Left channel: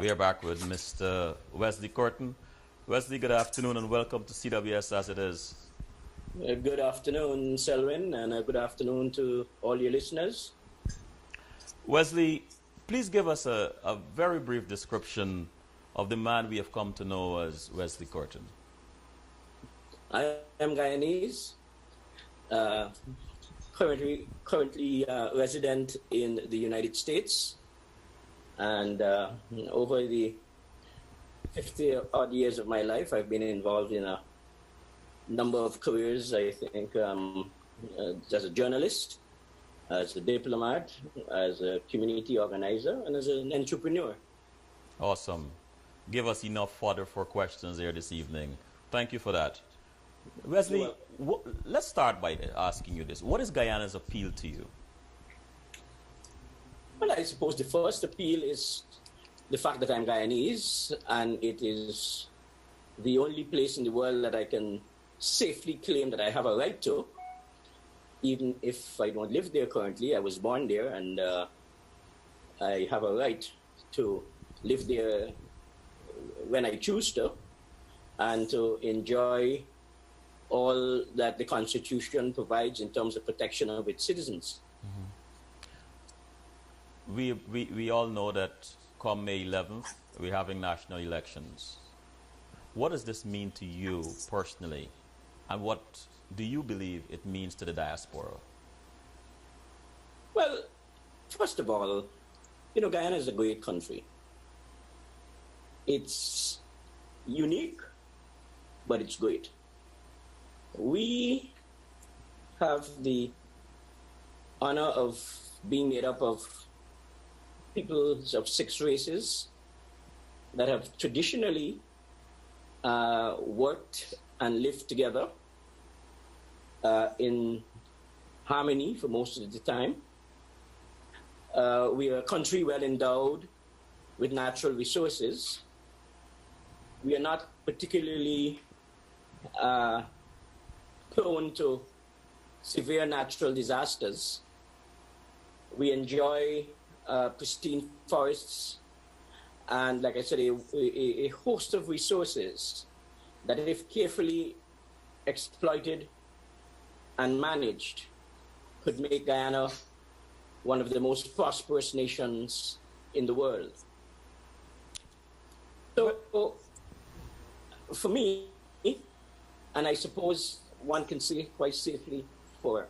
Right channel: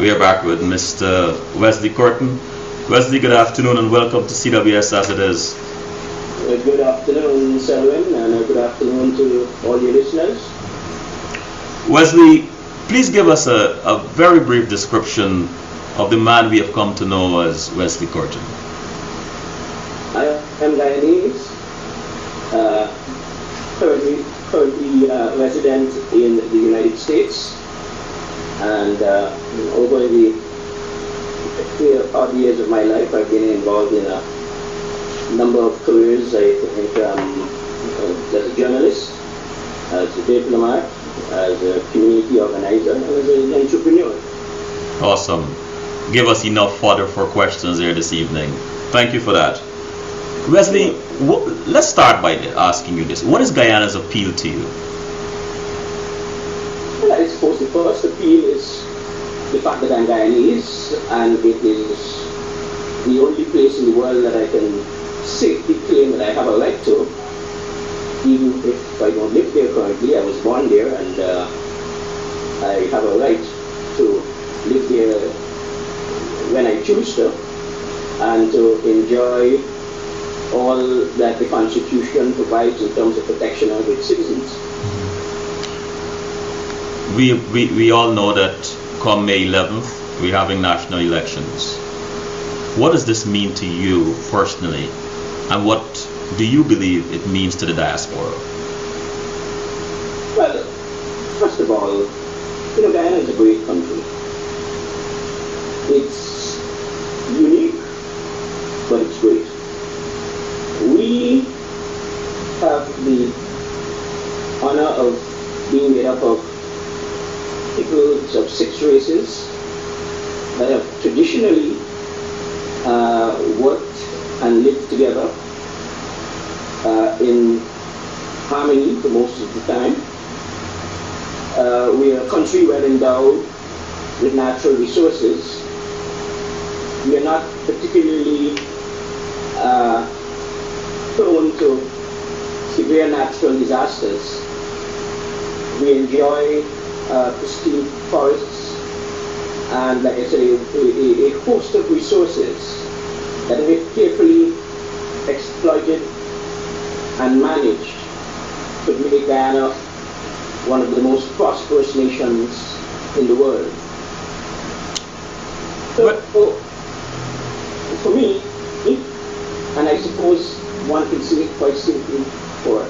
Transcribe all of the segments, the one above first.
We are back with Mr. Wesley Kirton. Wesley, good afternoon and welcome to CWS As It Is. Good afternoon, Selwyn, and good afternoon to all your listeners. Wesley, please give us a very brief description of the man we have come to know as Wesley Kirton. I am Guyanese, currently resident in the United States, and over the 50 odd years of my life, I've been involved in a number of careers. I think as a journalist, as a diplomat, as a community organizer, and as an entrepreneur. Awesome. Give us enough fodder for questions here this evening. Thank you for that. Wesley, let's start by asking you this. What is Guyana's appeal to you? Well, I suppose the first appeal is the fact that I'm Guyanese, and it is the only place in the world that I can safely claim that I have a right to, even if I don't live there currently. I was born there, and I have a right to live there when I choose to, and to enjoy all that the Constitution provides in terms of protection of its citizens. We all know that come May 11th, we're having national elections. What does this mean to you personally, and what do you believe it means to the diaspora? Well, first of all, Guyana is a great country. It's unique, but it's great. We have the honor of being made up of people of 6 races that have traditionally worked and lived together in harmony for most of the time. We are a country well endowed with natural resources. We are not particularly prone to severe natural disasters. We enjoy pristine forests and, like I said, a host of resources that, if carefully exploited and managed, could make Guyana one of the most prosperous nations in the world. So, for me, and I suppose one can see it quite simply for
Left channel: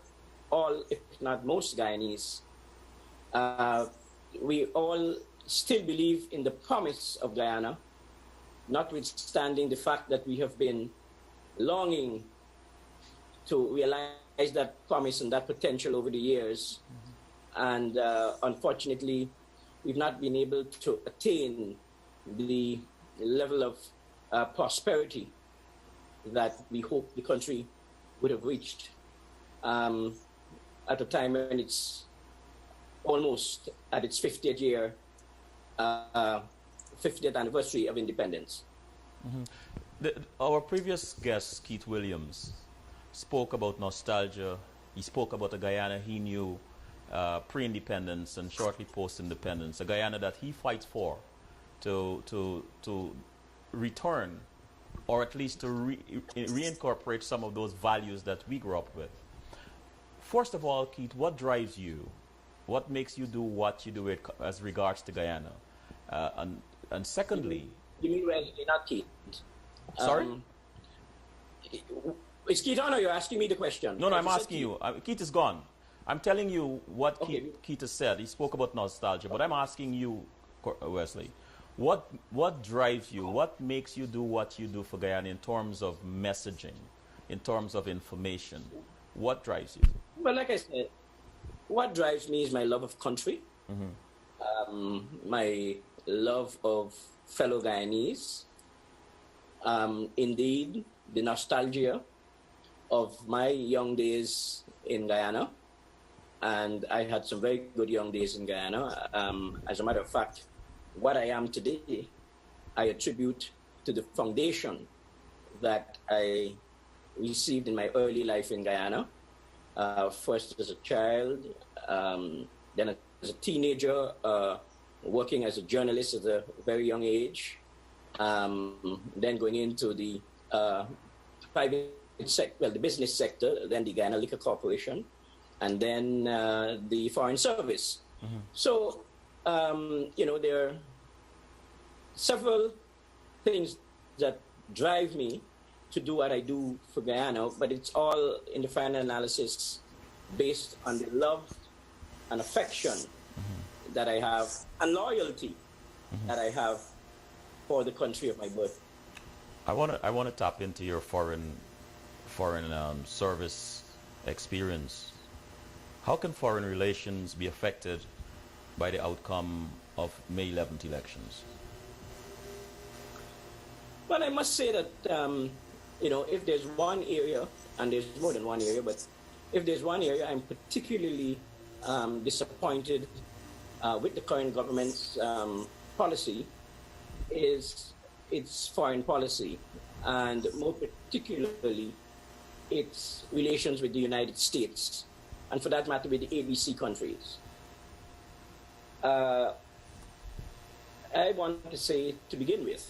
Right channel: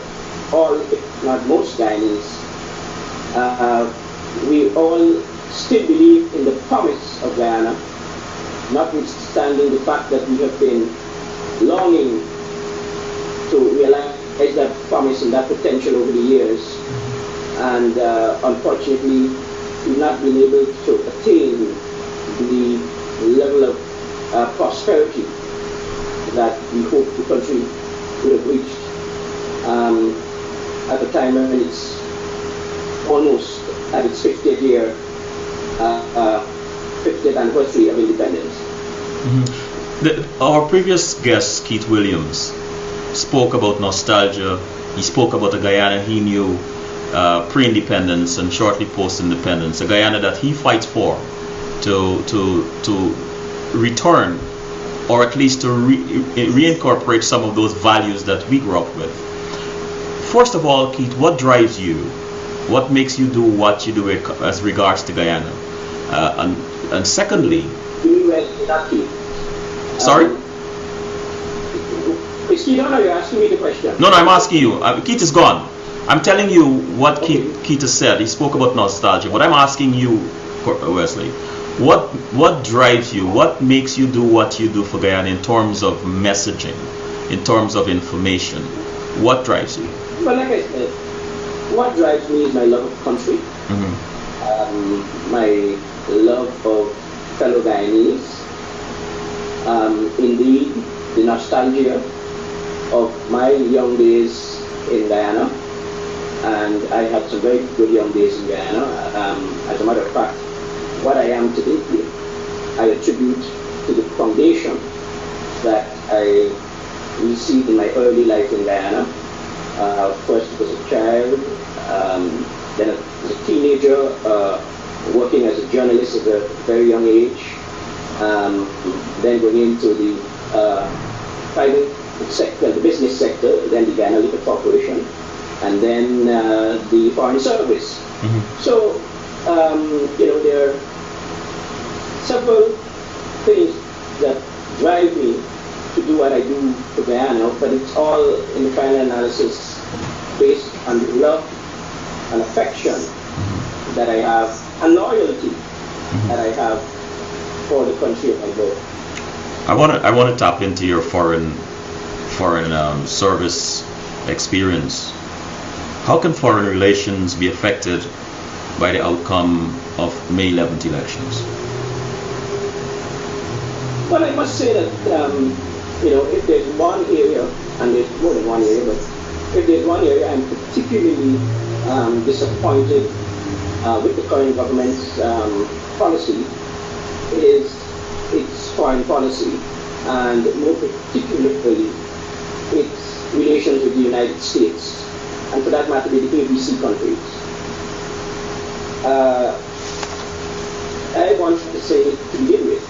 all, if not most Guyanese, we all still believe in the promise of Guyana, notwithstanding the fact that we have been longing to realize that promise and that potential over the years, and unfortunately we've not been able to attain the level of prosperity that we hope the country would have reached at the time when it's almost at its 50th year, 50th anniversary of independence. Mm-hmm. Our previous guest, Keith Williams, spoke about nostalgia. He spoke about the Guyana he knew pre-independence and shortly post-independence, a Guyana that he fights for to return, or at least to reincorporate some of those values that we grew up with. First of all, Keith, what drives you? What makes you do what you do as regards to Guyana? And secondly... Sorry? Is Keith on, or are you asking me the question? No, I'm asking you. Keith is gone. I'm telling you what Keith has said. He spoke about nostalgia. But I'm asking you, Wesley, what drives you? What makes you do what you do for Guyana in terms of messaging, in terms of information? What drives you? Well, like I said, what drives me is my love of country, my love of fellow Guyanese, indeed the nostalgia of my young days in Guyana, and I had some very good young days in Guyana. As a matter of fact, what I am today, I attribute to the foundation that I received in my early life in Guyana. First as a child, then as a teenager, working as a journalist at a very young age, then going into the private sector, the business sector, then the Ghana Liquor Corporation, and then the Foreign Service. So, there are several things that drive me to do what I do for Guyana, but it's all in the final analysis based on the love and affection that I have, and loyalty that I have for the country of my birth. I want to tap into your foreign service experience. How can foreign relations be affected by the outcome of May 11th elections? Well, I must say that if there's one area, and there's more than one area, but if there's one area I'm particularly disappointed with the current government's policy, is its foreign policy, and more particularly its relations with the United States, and for that matter with the ABC countries. I want to say to begin with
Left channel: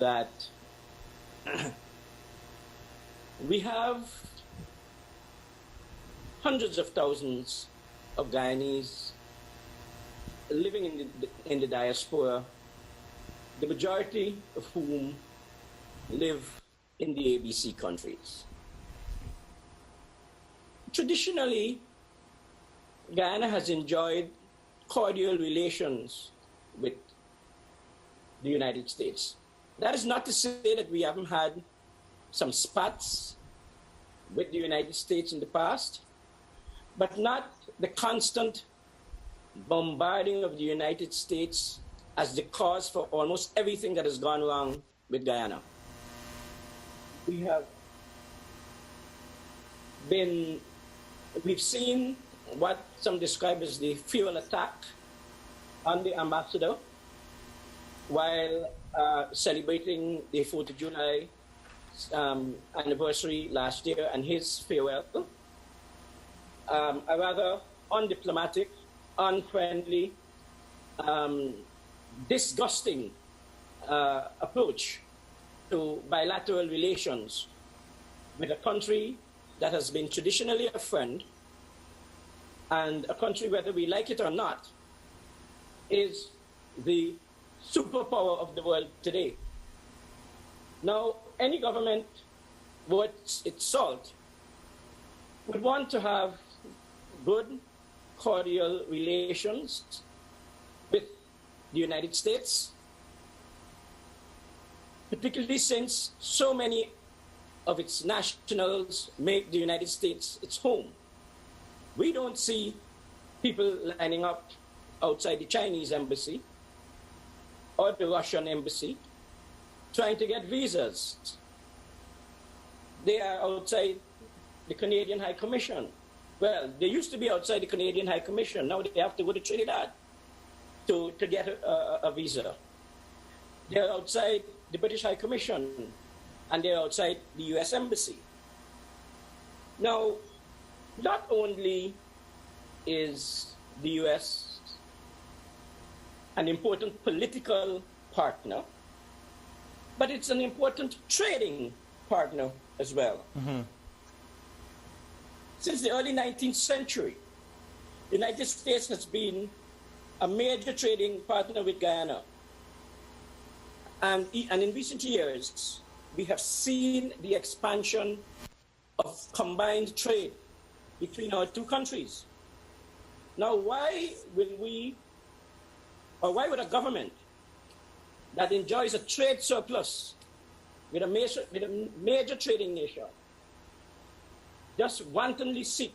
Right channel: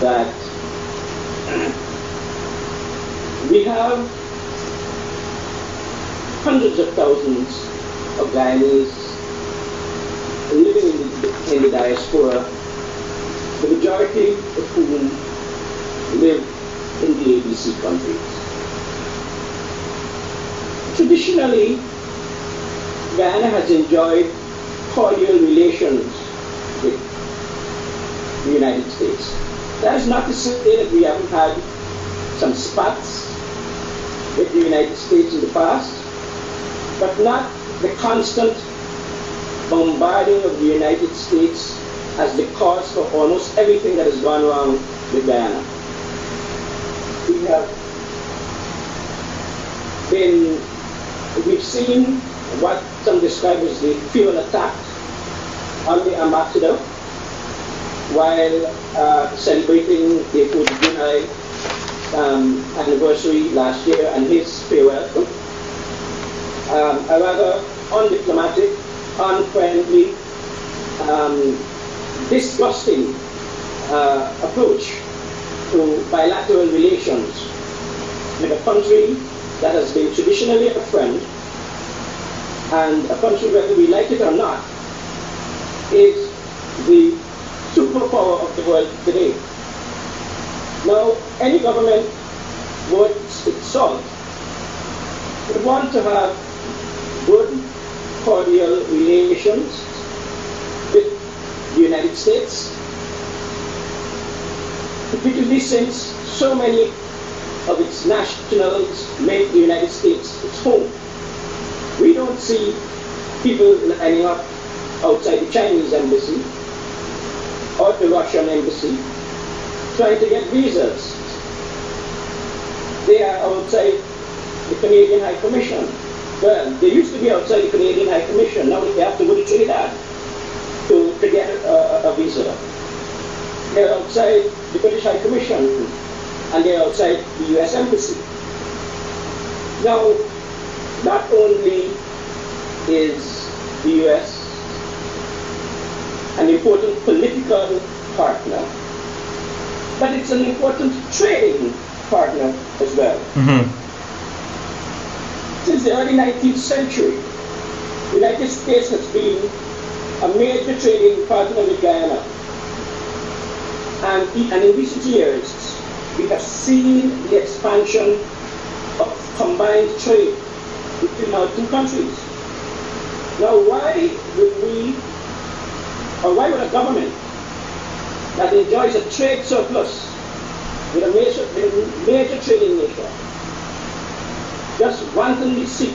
that we have hundreds of thousands of Guyanese living in the diaspora, the majority of whom live in the ABC countries. Traditionally, Guyana has enjoyed cordial relations with the United States. That is not to say that we haven't had some spats with the United States in the past, but not the constant bombarding of the United States as the cause for almost everything that has gone wrong with Guyana. We've seen what some describe as the fuel attack on the ambassador while celebrating the 4th of July anniversary last year and his farewell. A rather undiplomatic, unfriendly, disgusting approach to bilateral relations with a country that has been traditionally a friend, and a country, whether we like it or not, is the superpower of the world today. Now, any government worth its salt would want to have good, cordial relations with the United States, particularly since so many of its nationals make the United States its home. We don't see people lining up outside the Chinese embassy or the Russian embassy trying to get visas. They are outside the Canadian High Commission. Well, they used to be outside the Canadian High Commission. Now they have to go to Trinidad to get a visa. They're outside the British High Commission, and they're outside the US Embassy. Now, not only is the US an important political partner, but it's an important trading partner as well. Since the early 19th century, the United States has been a major trading partner with Guyana. And in recent years, we have seen the expansion of combined trade between our two countries. Now, why would a government that enjoys a trade surplus with a major trading nation just wantonly seek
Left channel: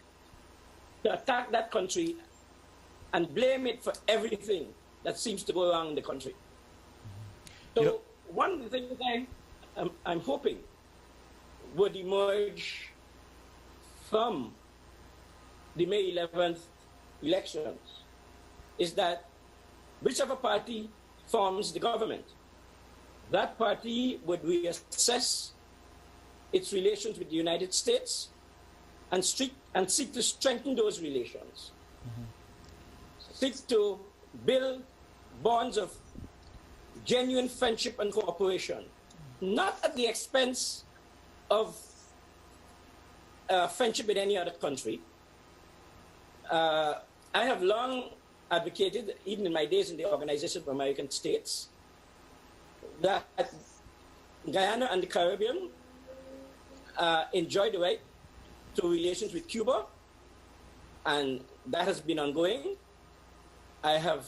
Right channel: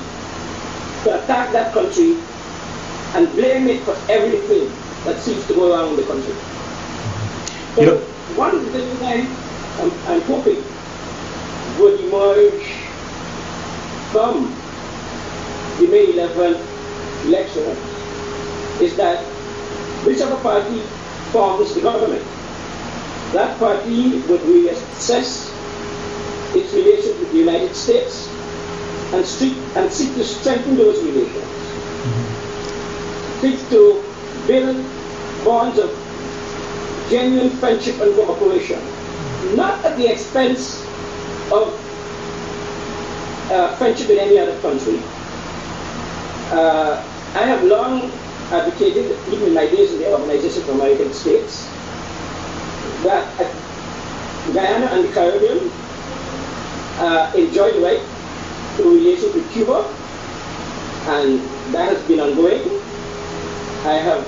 to attack that country and blame it for everything that seems to go wrong in the country? So one of the things I'm hoping would emerge from the May 11th election is that whichever party forms the government, that party would reassess its relations with the United States and seek to strengthen those relations. Seek to build bonds of genuine friendship and cooperation, not at the expense of friendship in any other country. I have long advocated, even in my days in the Organization of American States, that Guyana and the Caribbean enjoy the right to relations with Cuba, and that has been ongoing. I have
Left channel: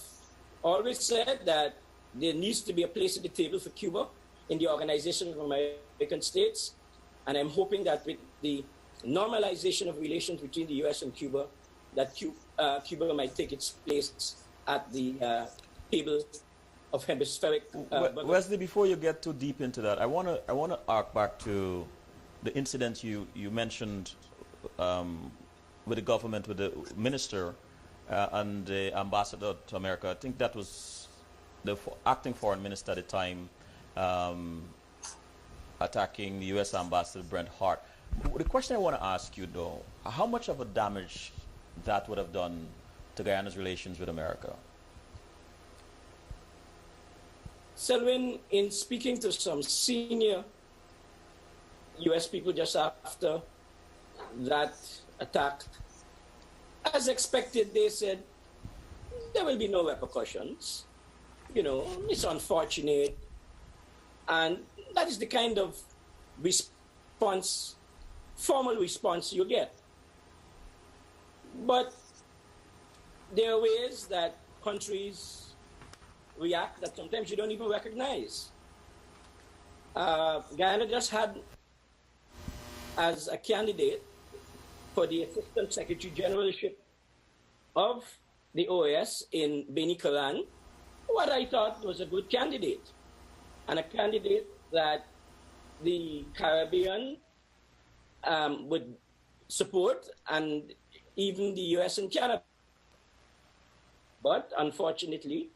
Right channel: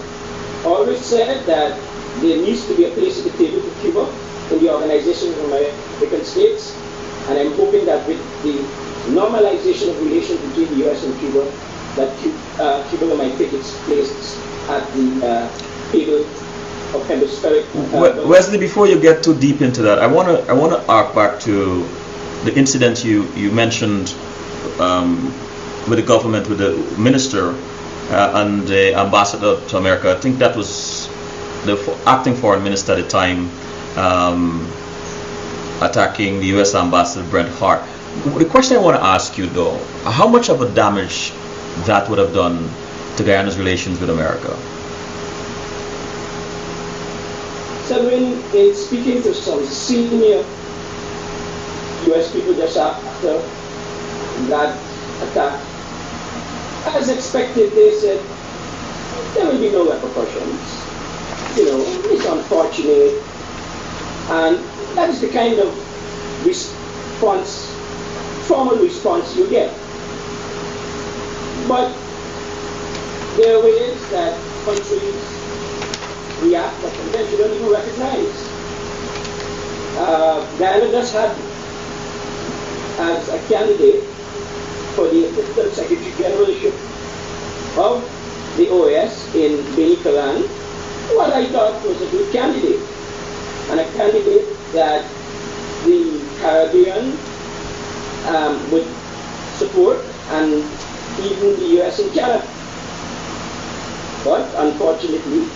always said that there needs to be a place at the table for Cuba in the Organization of American States, and I'm hoping that with the normalization of relations between the U.S. and Cuba, that Cuba might take its place at the table of hemispheric. Wesley, before you get too deep into that, I want to arc back to the incident you mentioned with the government, with the minister and the ambassador to America. I think that was the acting foreign minister at the time, attacking the U.S. ambassador Brent Hart. The question I want to ask you, though, how much of a damage that would have done to Guyana's relations with America? So in speaking to some senior U.S. people just after that attack, as expected, they said there will be no repercussions. You know, it's unfortunate, and that is the kind of response, formal response you get. But there are ways that countries react that sometimes you don't even recognize. Guyana just had as a candidate for the Assistant Secretary Generalship of the OAS in Benicallan, what I thought was a good candidate, and a candidate that the Caribbean would support, and even the US and Canada. But unfortunately,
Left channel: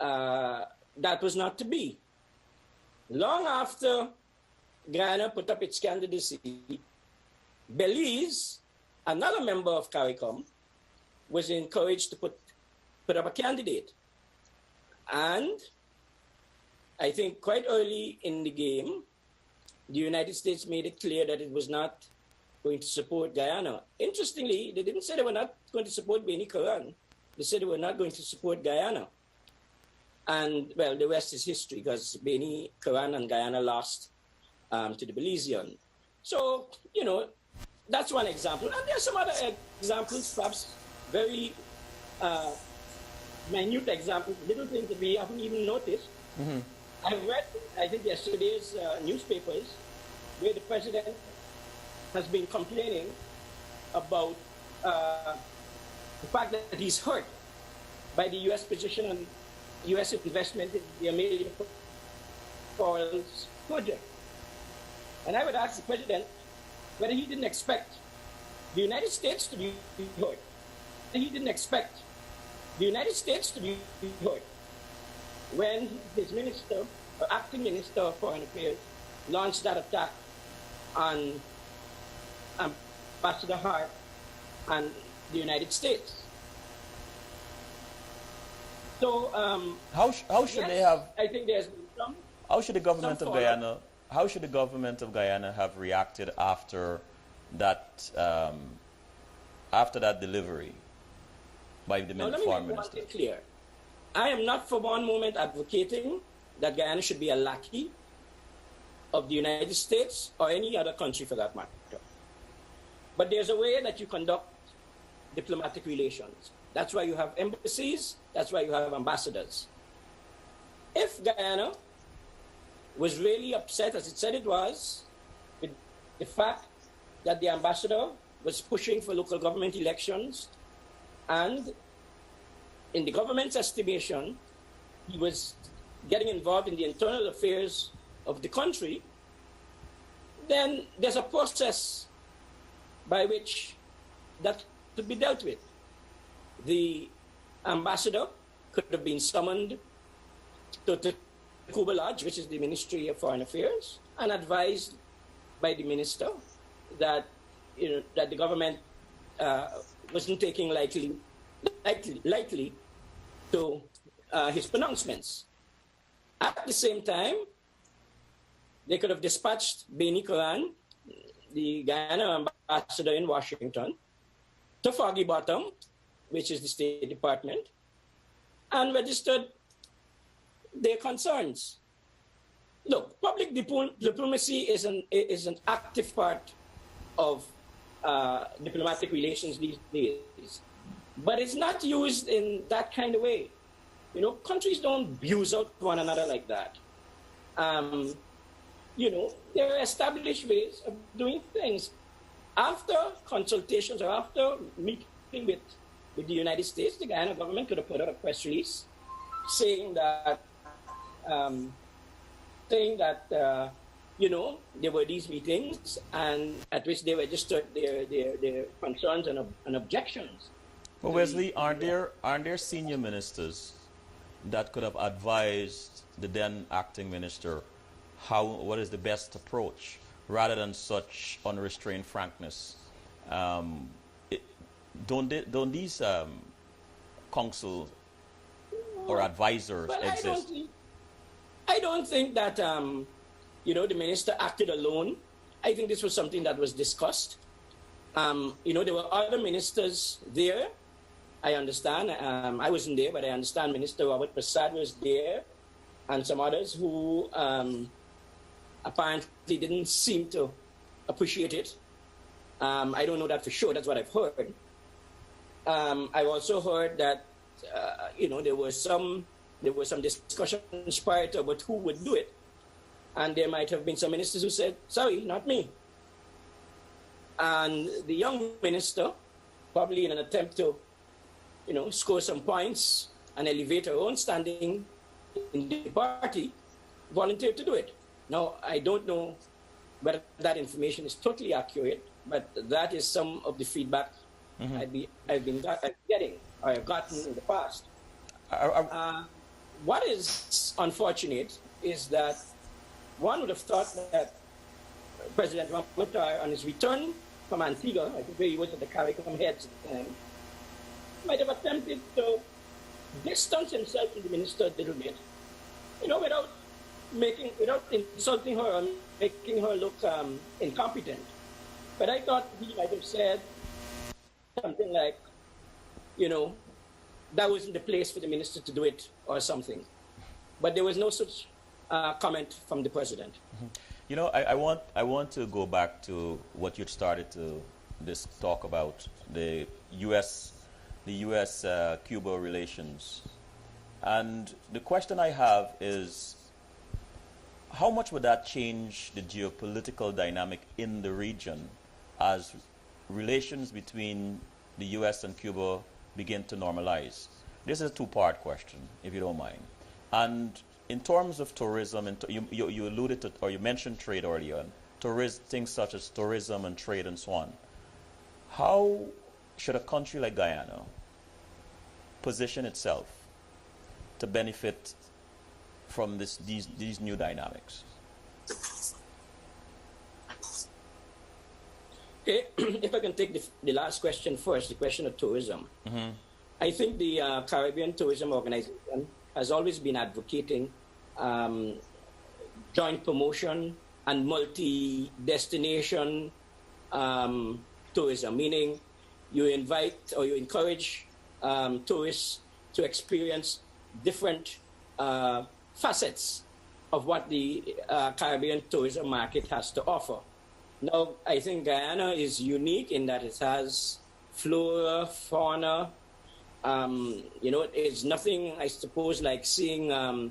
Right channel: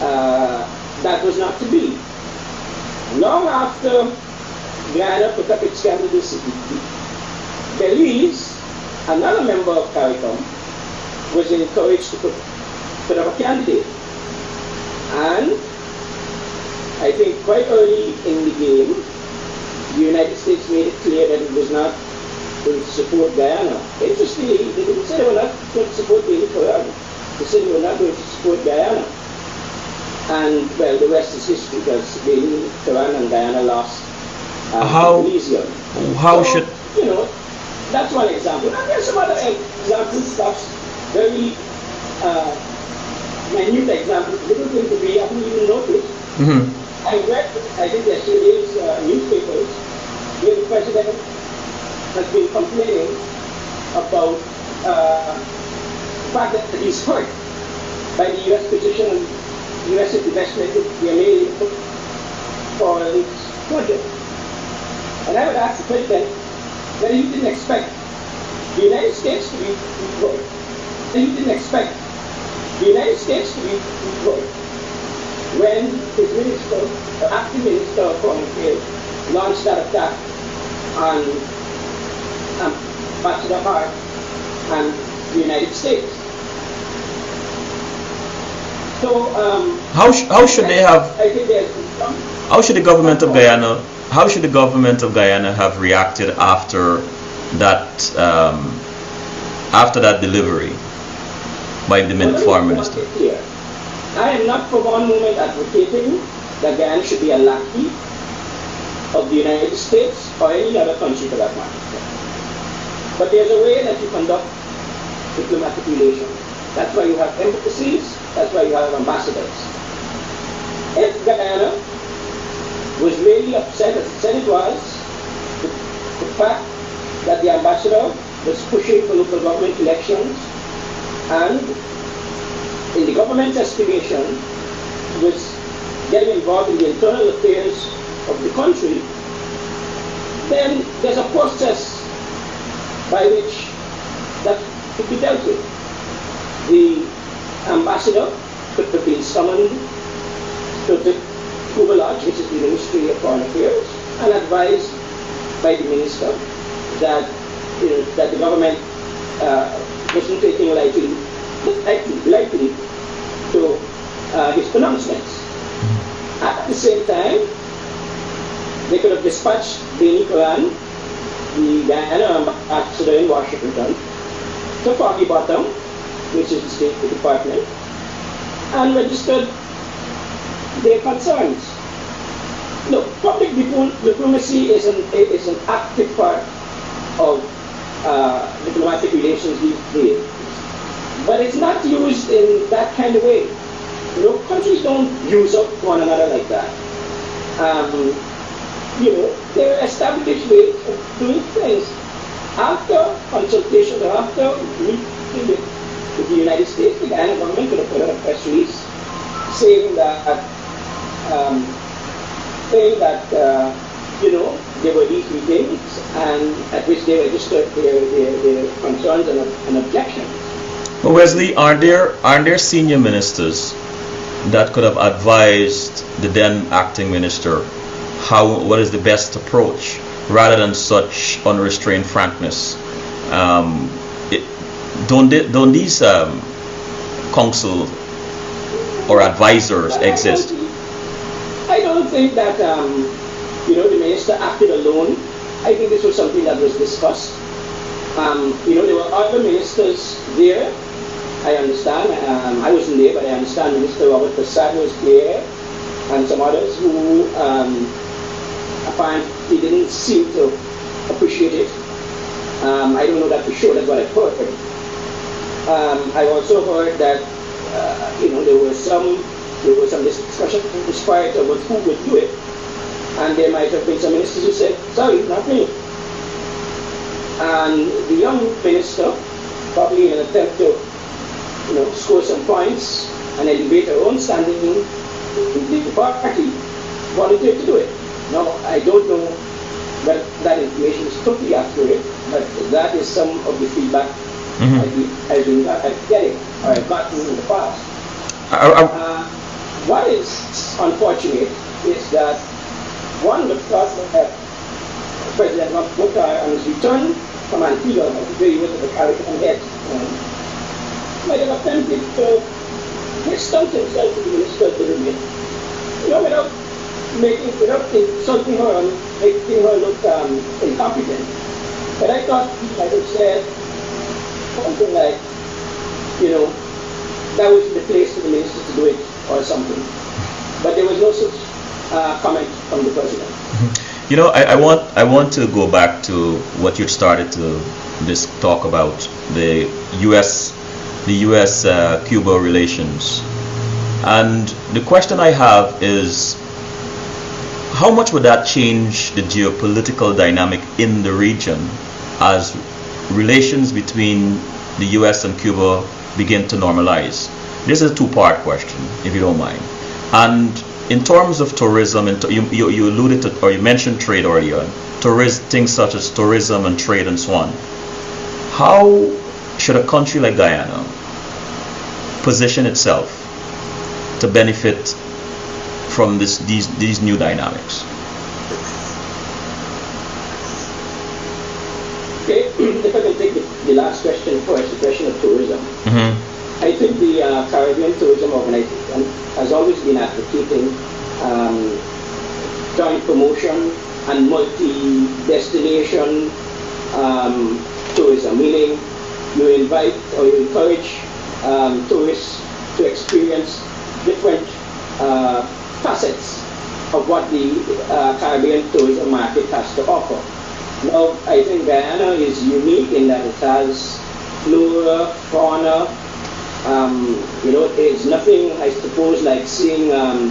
that was not to be. Long after Guyana put up its candidacy, Belize, another member of CARICOM, was encouraged to put up a candidate. And I think quite early in the game, the United States made it clear that it was not going to support Guyana. Interestingly, they didn't say they were not going to support Benicallan. They said they were not going to support Guyana. And, well, the rest is history, because Benicallan and Guyana lost Elysium. How so, should... You know, that's one example. And there's some other examples, stuff, very minute examples, little things that we haven't even noticed. I read, I think yesterday's newspapers, where the president has been complaining about the fact that he's hurt by the U.S. position, U.S. investment in the MA for this project. And I would ask the president whether you didn't expect the United States to be employed. And you didn't expect the United States to be employed when his minister, the acting minister of Foreign Affairs, launched that attack on Ambassador Hart and the United States. So how should they have? I think there's some. How should the government of Guyana? How should the government of Guyana have reacted after that delivery by the foreign minister? I am not for one moment advocating that Guyana should be a lackey of the United States or any other country for that matter. But there's a way that you conduct diplomatic relations. That's why you have embassies, that's why you have ambassadors. If Guyana was really upset, as it said it was, with the fact that the ambassador was pushing for local government elections, and in the government's estimation, was getting involved in the internal affairs of the country, then there's a process by which that could be dealt with. The ambassador could have been summoned to the Cuba Lodge, which is the Ministry of Foreign Affairs, and advised by the minister that, that the government wasn't taking likely to his pronouncements. At the same time, they could have dispatched Benny Coran, the Guyana ambassador in Washington, to Foggy Bottom, which is the State Department, and registered their concerns. Look, public diplomacy is an active part of diplomatic relations these days, but it's not used in that kind of way. You know, countries don't use up one another like that. You know, there are established ways of doing things. After consultations or after meeting with the United States, the Guyana government could have put out a press release saying that you know, there were these meetings and at which they registered their concerns and objections. But Wesley, are there senior ministers that could have advised the then acting minister what is the best approach rather than such unrestrained frankness? Don't these counsel or advisors exist? I don't think that you know, the minister acted alone. I think this was something that was discussed. You know, there were other ministers there. I understand. I wasn't there, but I understand Minister Robert Prasad was there, and some others who apparently didn't seem to appreciate it. I don't know that for sure. That's what I've heard. I also heard that you know, there was some discussion prior to about who would do it, and there might have been some ministers who said, "Sorry, not me." And the young minister, probably in an attempt to, you know, score some points and elevate her own standing in the party, volunteered to do it. Now, I don't know that that information is totally accurate, but that is some of the feedback I've been getting, or I've gotten in the past. What is unfortunate is that one would have thought that President Ramaphosa on his return from Antigua, where he was at the Caribbean head, might have attempted to distance himself from the minister of the Caribbean, you know, without insulting her and making her look incompetent. But I thought he might have said something like, you know, that was the place for the minister to do it, or something. But there was no such comment from the president. You know, I want to go back to what you started to talk about, the U.S. Cuba relations, and the question I have is, how much would that change the geopolitical dynamic in the region as relations between the U.S. and Cuba begin to normalize? This is a two-part question, if you don't mind. And in terms of tourism, and you alluded to, or you mentioned trade earlier, things such as tourism and trade and so on. How should a country like Guyana position itself to benefit from these new dynamics? Okay, if I can take the last question first, the question of tourism. I think the Caribbean Tourism Organization has always been advocating joint promotion and multi-destination tourism, meaning you invite or you encourage tourists to experience different facets of what the Caribbean tourism market has to offer. Now, I think Guyana is unique in that it has flora, fauna. You know, it's nothing, I suppose, like seeing a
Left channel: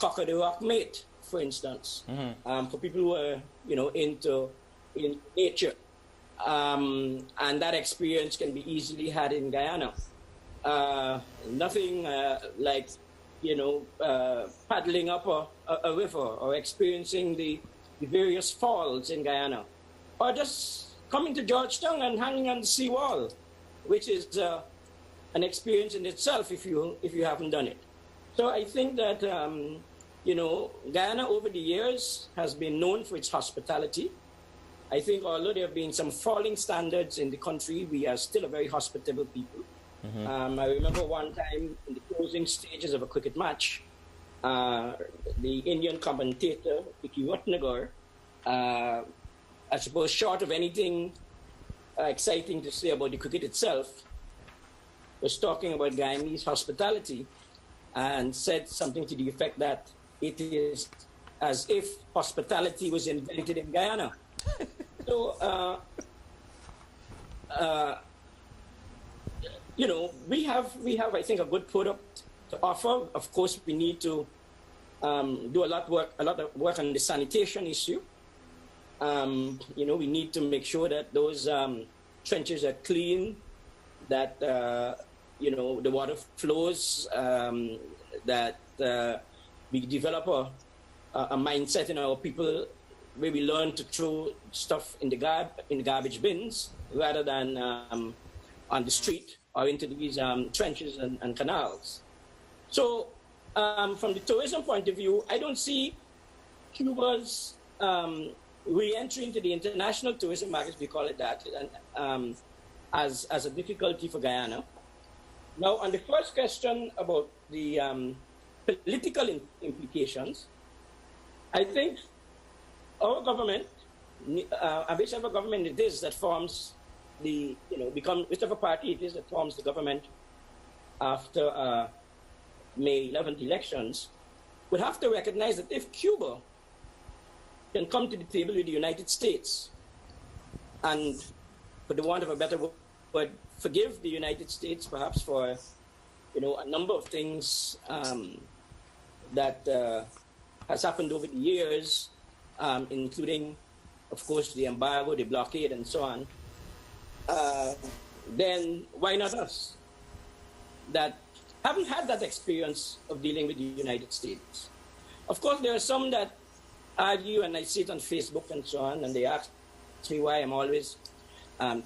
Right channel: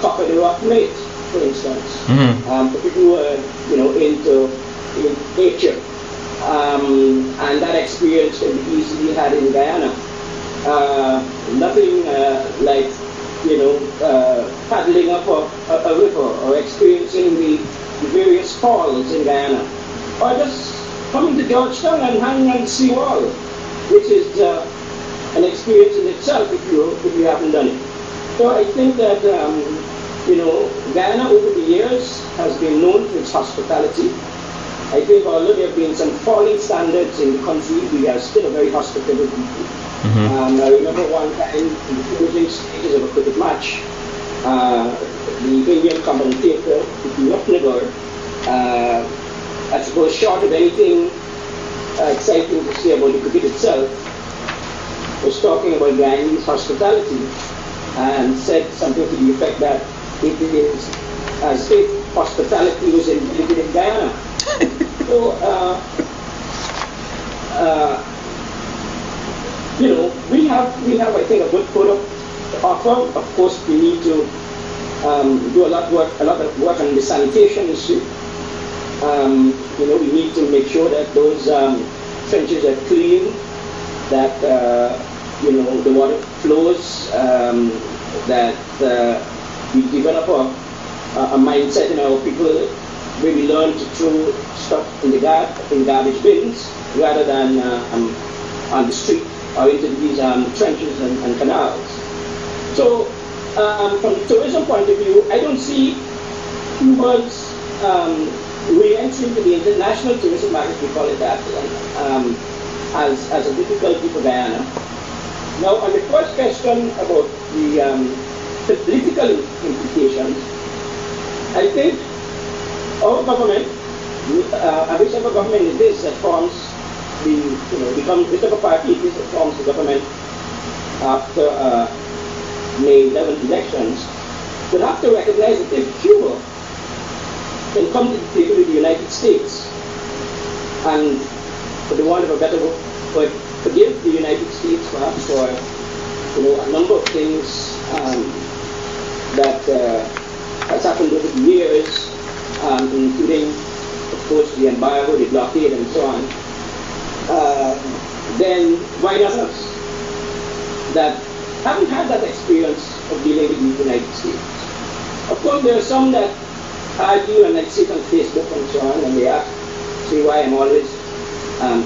cock of the rock mate, for instance. For people who are, you know, into nature. And that experience can be easily had in Guyana. Nothing like, you know, paddling up a river or experiencing the various falls in Guyana. Or just coming to Georgetown and hanging on the seawall, which is an experience in itself if you haven't done it. So I think that you know, Guyana over the years has been known for its hospitality. I think although there have been some falling standards in the country, we are still a very hospitable people. I remember one time in the closing stages of a cricket match, the Indian commentator, Nutnagar, I suppose short of anything exciting to say about the cricket itself, was talking about Guyanese hospitality and said something to the effect that it is as if hospitality was invented in Guyana. So, we have, I think, a good product to offer. Of course, we need to do a lot of work on the sanitation issue. We need to make sure that those trenches are clean, that the water flows, that we develop a mindset in our people where we learn to throw stuff in garbage bins rather than on the street or into these trenches and canals. So from the tourism point of view, I don't see Cuba's re-entry into the international tourism market, we call it that, as a difficulty for Guyana. Now, on the first question about the political implications, I think our government, whichever government it is that forms whichever party it is that forms the government after May 11th elections, will have to recognize that if Cuba can come to the table with the United States and, for the want of a better word, forgive the United States perhaps for a number of things that has happened over the years, including, of course, the embargo, the blockade, and so on, then why not us? That haven't had that experience of dealing with the United States. Of course, there are some that argue, and I see it on Facebook and so on, and they ask me why I'm always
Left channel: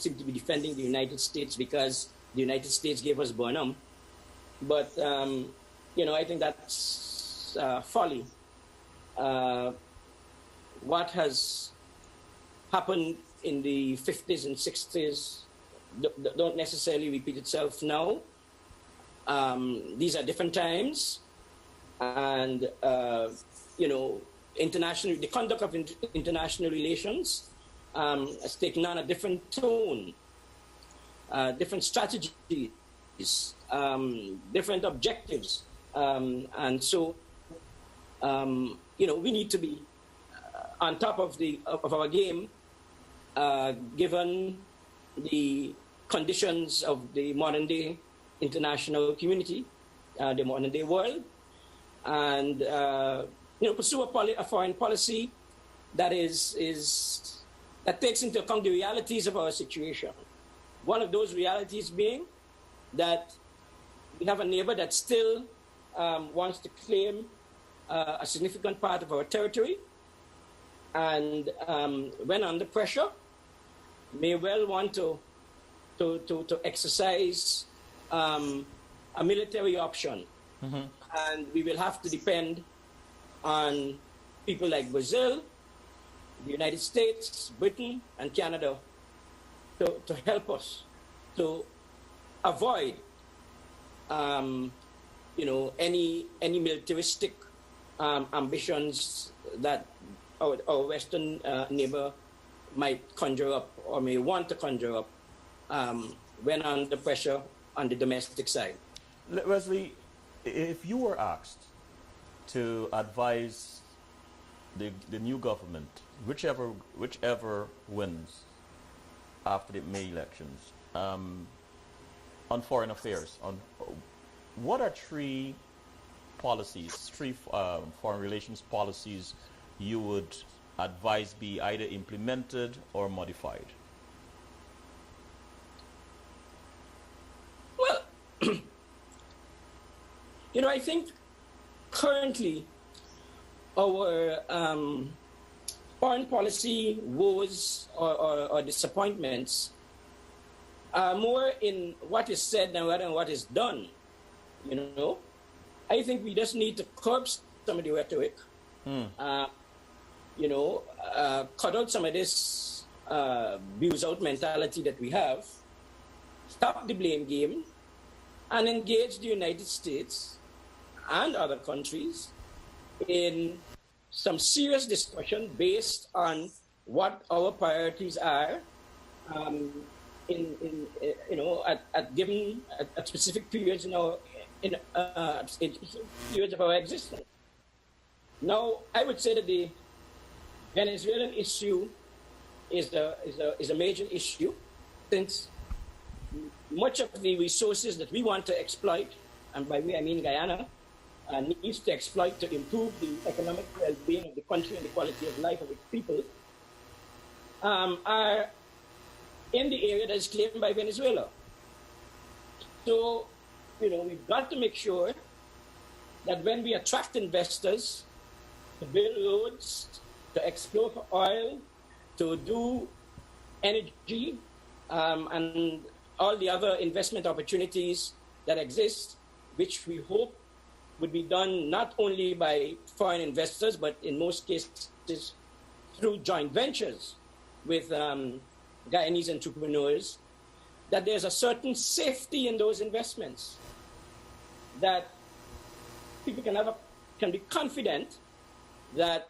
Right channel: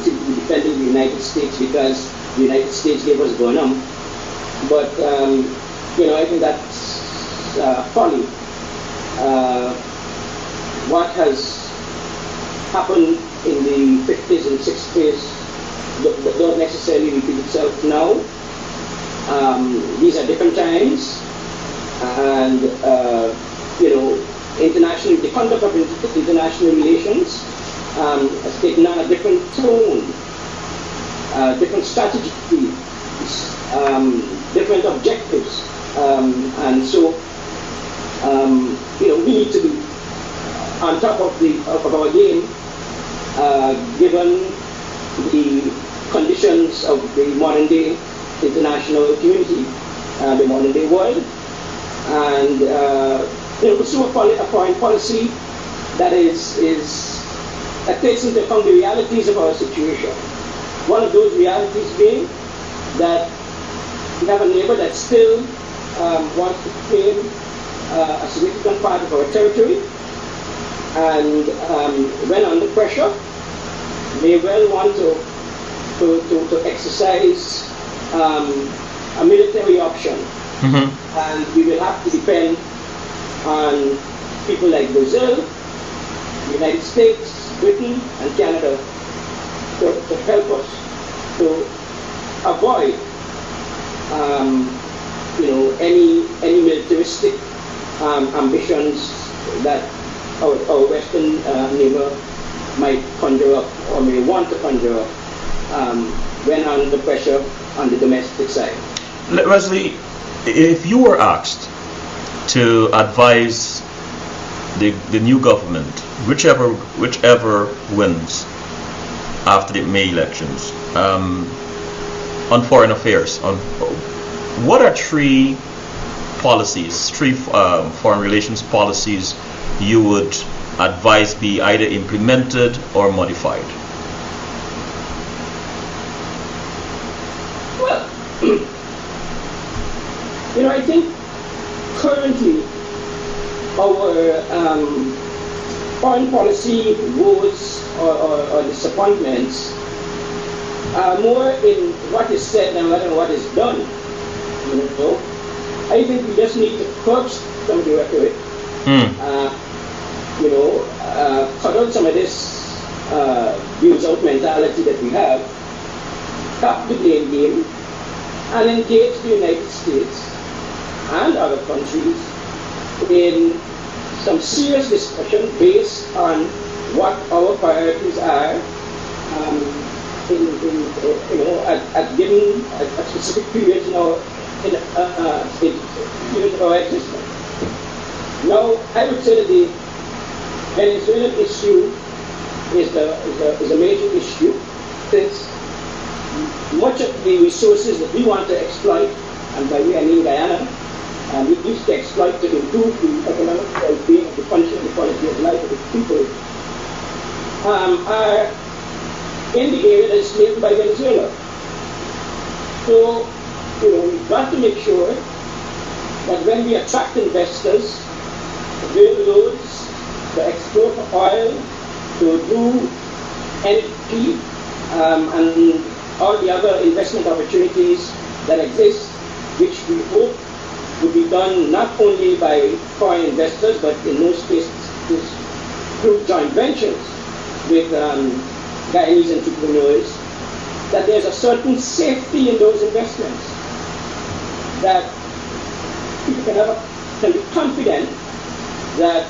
defending the United States because the United States gave us Bonum. But, I think that's folly. What has happened in the 50s and 60s don't necessarily repeat itself now. These are different times, and internationally, the conduct of international relations has taken on a different tone, different strategies, different objectives, and so we need to be on top of our game, given the conditions of the modern day international community, the modern day world, and pursue a foreign policy that that takes into account the realities of our situation. One of those realities being that we have a neighbor that still wants to claim a significant part of our territory, and when under pressure, may well want to exercise a military option. Mm-hmm. And we will have to depend on people like Brazil, the United States, Britain, and Canada to help us to avoid any militaristic ambitions that our Western neighbor might conjure up or may want to conjure up when under pressure on the domestic side. Wesley, if you were asked to advise the new government, whichever wins after the May elections, on foreign affairs, what are three foreign relations policies you would advise be either implemented or modified? Well, I think currently our foreign policy woes or disappointments are more in what is said than what is done. I think we just need to curb some of the rhetoric. Cut out some of this views out mentality that we have. Stop the blame game. and engage the United States and other countries in some serious discussion based on what our priorities are at specific periods in our existence. Now, I would say that the Venezuelan issue is a major issue, since much of the resources that we want to exploit, and by we I mean Guyana, we used to exploit to improve the economic well-being of the country and the quality of life of the people, are in the area that is claimed by Venezuela. So, we've got to make sure that when we attract investors to build roads, to export oil, to do energy, and all the other investment opportunities that exist, which we hope would be done not only by foreign investors, but in most cases through joint ventures with Guyanese entrepreneurs, that there's a certain safety in those investments, that people can be confident that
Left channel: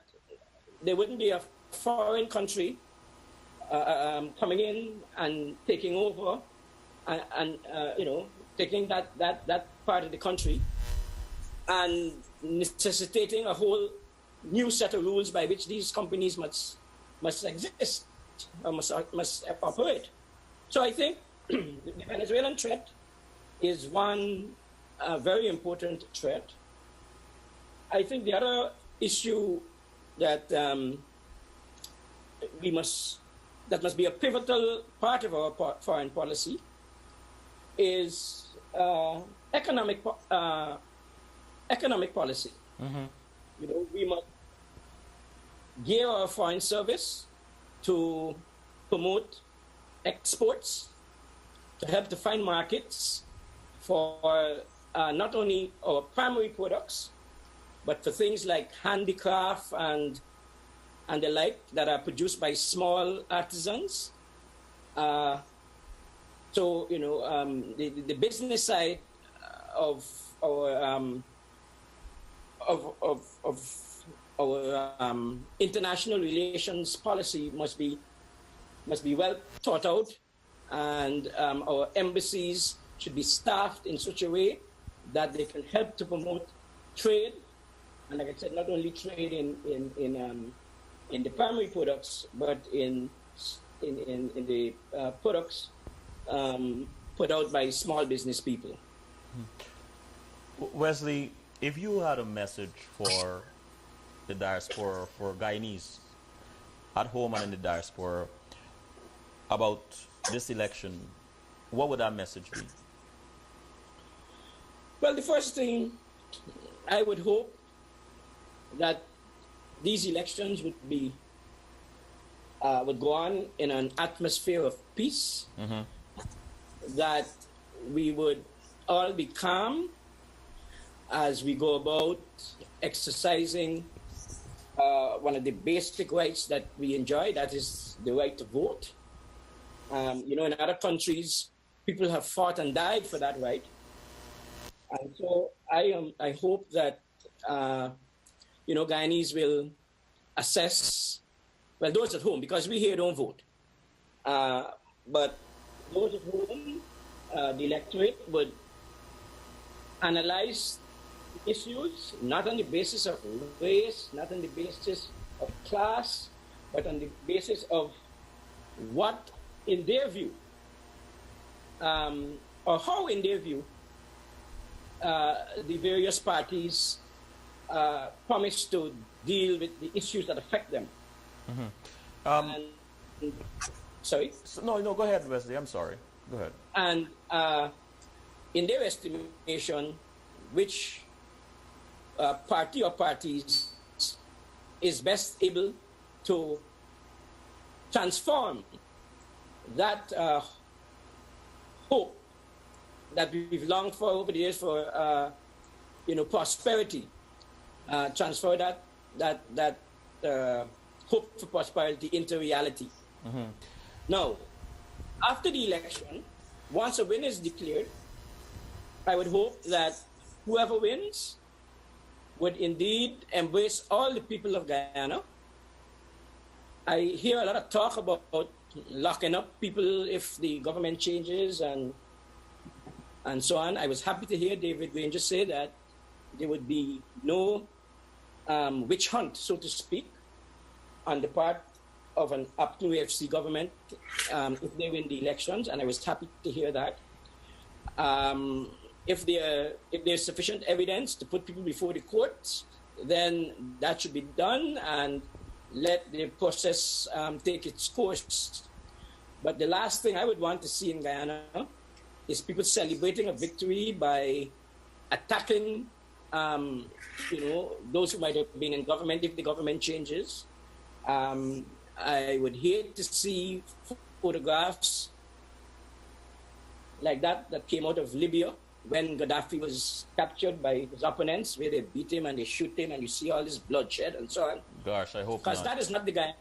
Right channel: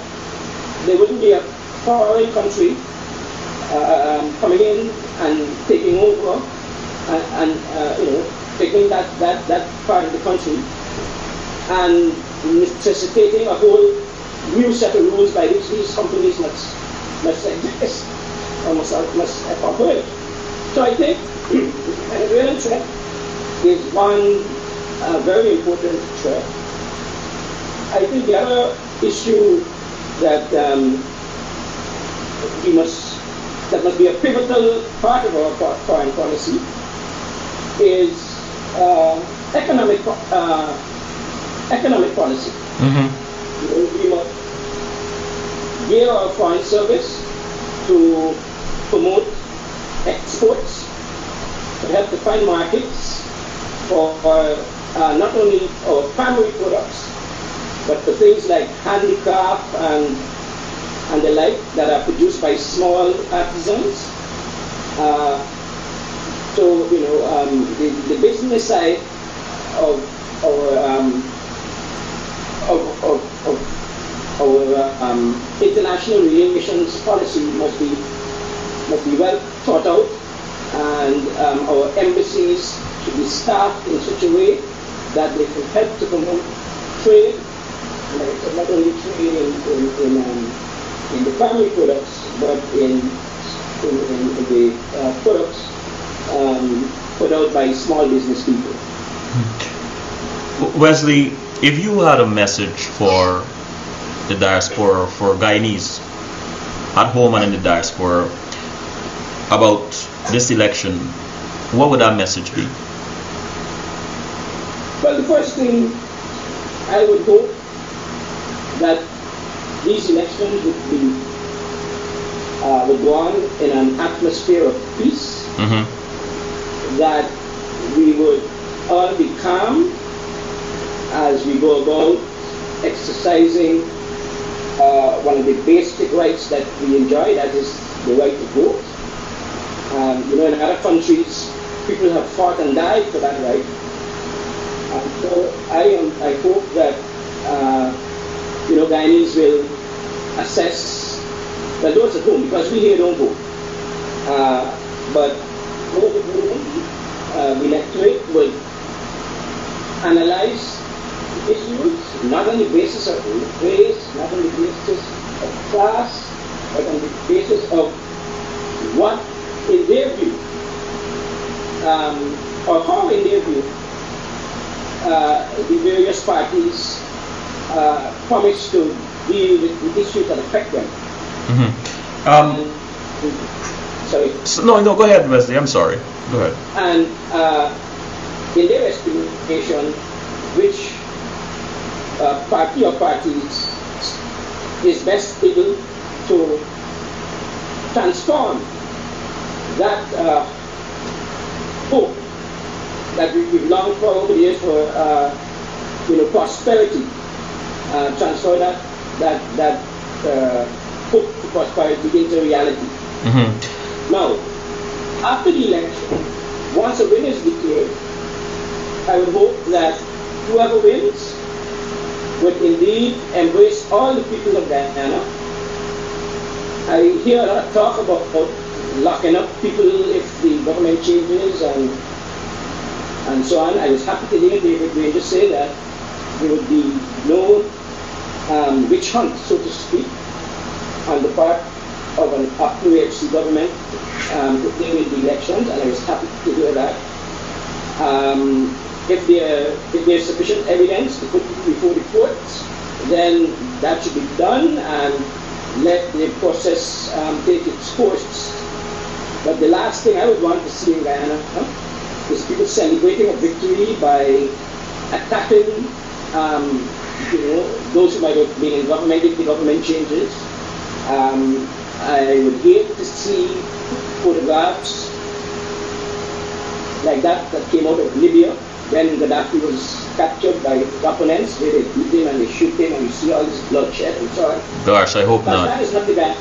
there wouldn't be a foreign country coming in and taking over and taking that part of the country and necessitating a whole new set of rules by which these companies must exist or must operate. So I think the Venezuelan threat is one very important threat. I think the other issue that must be a pivotal part of our foreign policy is economic policy. Mm-hmm. We must gear our foreign service to promote exports, to help to find markets for not only our primary products, but for things like handicraft and the like that are produced by small artisans. So the business side of our international relations policy must be well thought out, and our embassies should be staffed in such a way that they can help to promote trade, and not only trade in the primary products, but in the products put out by small business people. Wesley, if you had a message for the diaspora, for Guyanese at home and in the diaspora about this election, what would that message be? Well, the first thing, I would hope that these elections would go on in an atmosphere of peace, mm-hmm. that we would all be calm as we go about exercising one of the basic rights that we enjoy, that is the right to vote. In other countries, people have fought and died for that right. And so I hope that Guyanese will assess, well, those at home, because we here don't vote, but those at home, the electorate would analyze issues not on the basis of race, not on the basis of class, but on the basis of what, in their view, or how, in their view, the various parties promise to deal with the issues that affect them. Mm-hmm. Sorry? No, go ahead, Wesley. I'm sorry. Go ahead. And in their estimation, which party or parties is best able to transform that hope that we've longed for over the years for prosperity, transfer that hope for prosperity into reality. Mm-hmm. Now, after the election, once a winner is declared, I would hope that whoever wins would indeed embrace all the people of Guyana. I hear a lot of talk about locking up people if the government changes and so on. I was happy to hear David Granger say that there would be no witch hunt, so to speak, on the part of an UPNU-AFC government if they win the elections, and I was happy to hear that. If there's sufficient evidence to put before the courts, then that should be done and let the process take its course. But the last thing I would want to see in Guyana is people celebrating a victory by attacking those who might have been in government if the government changes. I would hate to see photographs like that came out of Libya when Gaddafi was captured by his opponents, where they beat him and they shoot him and you see all this bloodshed and so on. Gosh, I hope not. That is not the Guyana.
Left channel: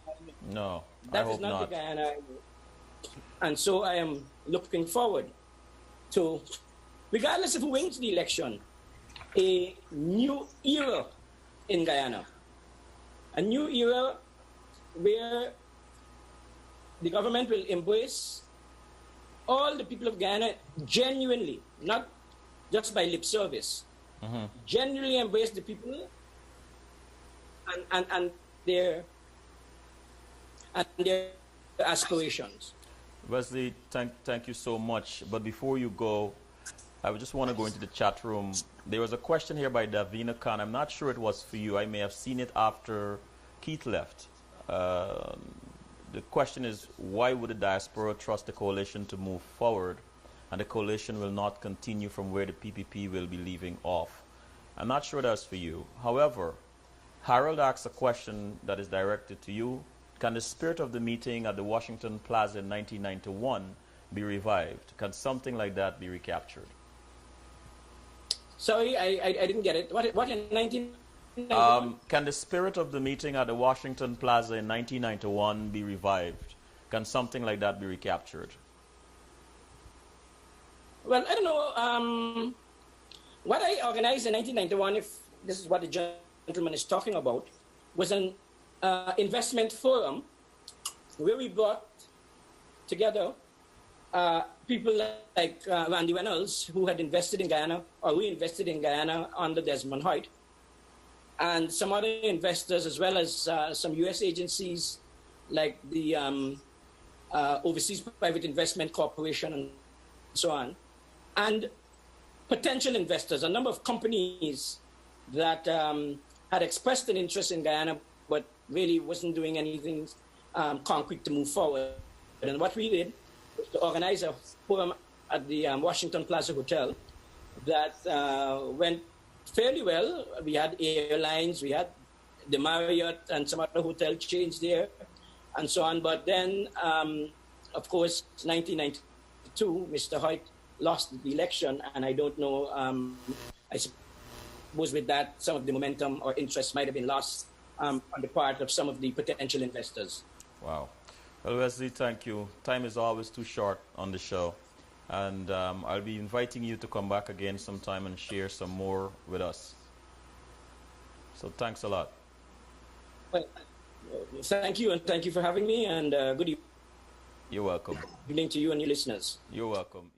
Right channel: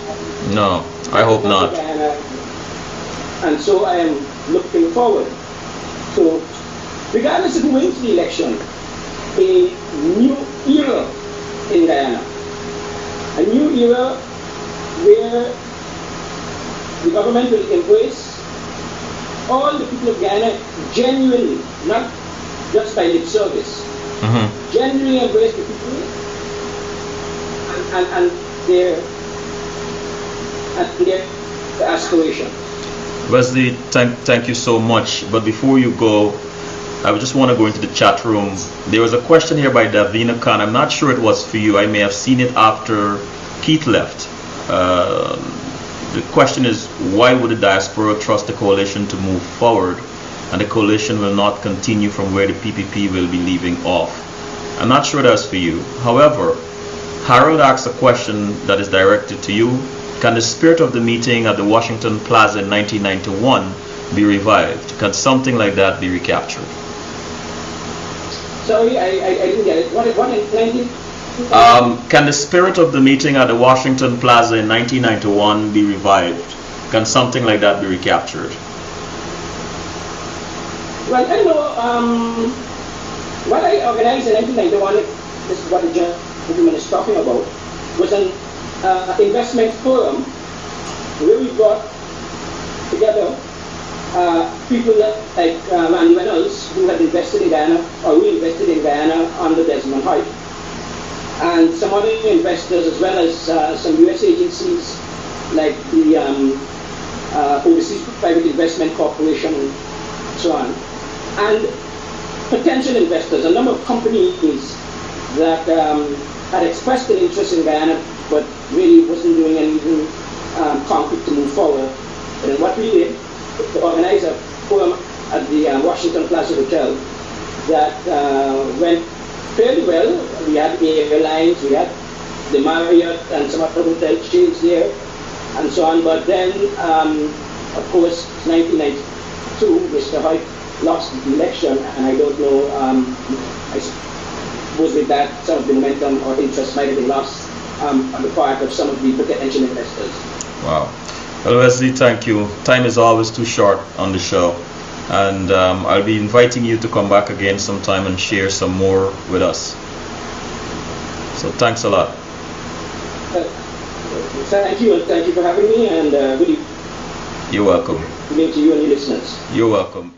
No, I hope not. And so I am looking forward to, regardless of who wins the election, a new era in Guyana. A new era where the government will embrace all the people of Guyana genuinely, not just by lip service. Genuinely embrace the people and their aspirations. Wesley, thank you so much. But before you go, I just want to go into the chat room. There was a question here by Davina Khan. I'm not sure it was for you. I may have seen it after Keith left. The question is, why would the diaspora trust the coalition to move forward, and the coalition will not continue from where the PPP will be leaving off? I'm not sure that's for you. However, Harold asks a question that is directed to you. Can the spirit of the meeting at the Washington Plaza in 1991 be revived? Can something like that be recaptured? Sorry, I didn't get it. What in 19? Can the spirit of the meeting at the Washington Plaza in 1991 be revived? Can something like that be recaptured? Well, I don't know. What I organized in 1991, if this is what the gentleman is talking about, was an investment forum where we brought together people like Andy Reynolds, who had invested in Guyana, or we invested in Guyana under Desmond Hoyt, and some other investors, as well as some US agencies like the Overseas Private Investment Corporation and so on, and potential investors, a number of companies that had expressed an interest in Guyana but really wasn't doing anything concrete to move forward. And then what we did, to organize a forum at the Washington Plaza Hotel that went fairly well. We had the airlines, we had the Marriott and some other hotel chains there and so on. But then, of course, 1992, Mr. Hoyt lost the election, and I don't know, I suppose with that some of the momentum or interest might have been lost on the part of some of the potential investors. Wow. Well, Wesley, thank you. Time is always too short on the show, and I'll be inviting you to come back again sometime and share some more with us. So thanks a lot. Thank you, and thank you for having me, and good evening. You're welcome. Good evening to you and your listeners. You're welcome.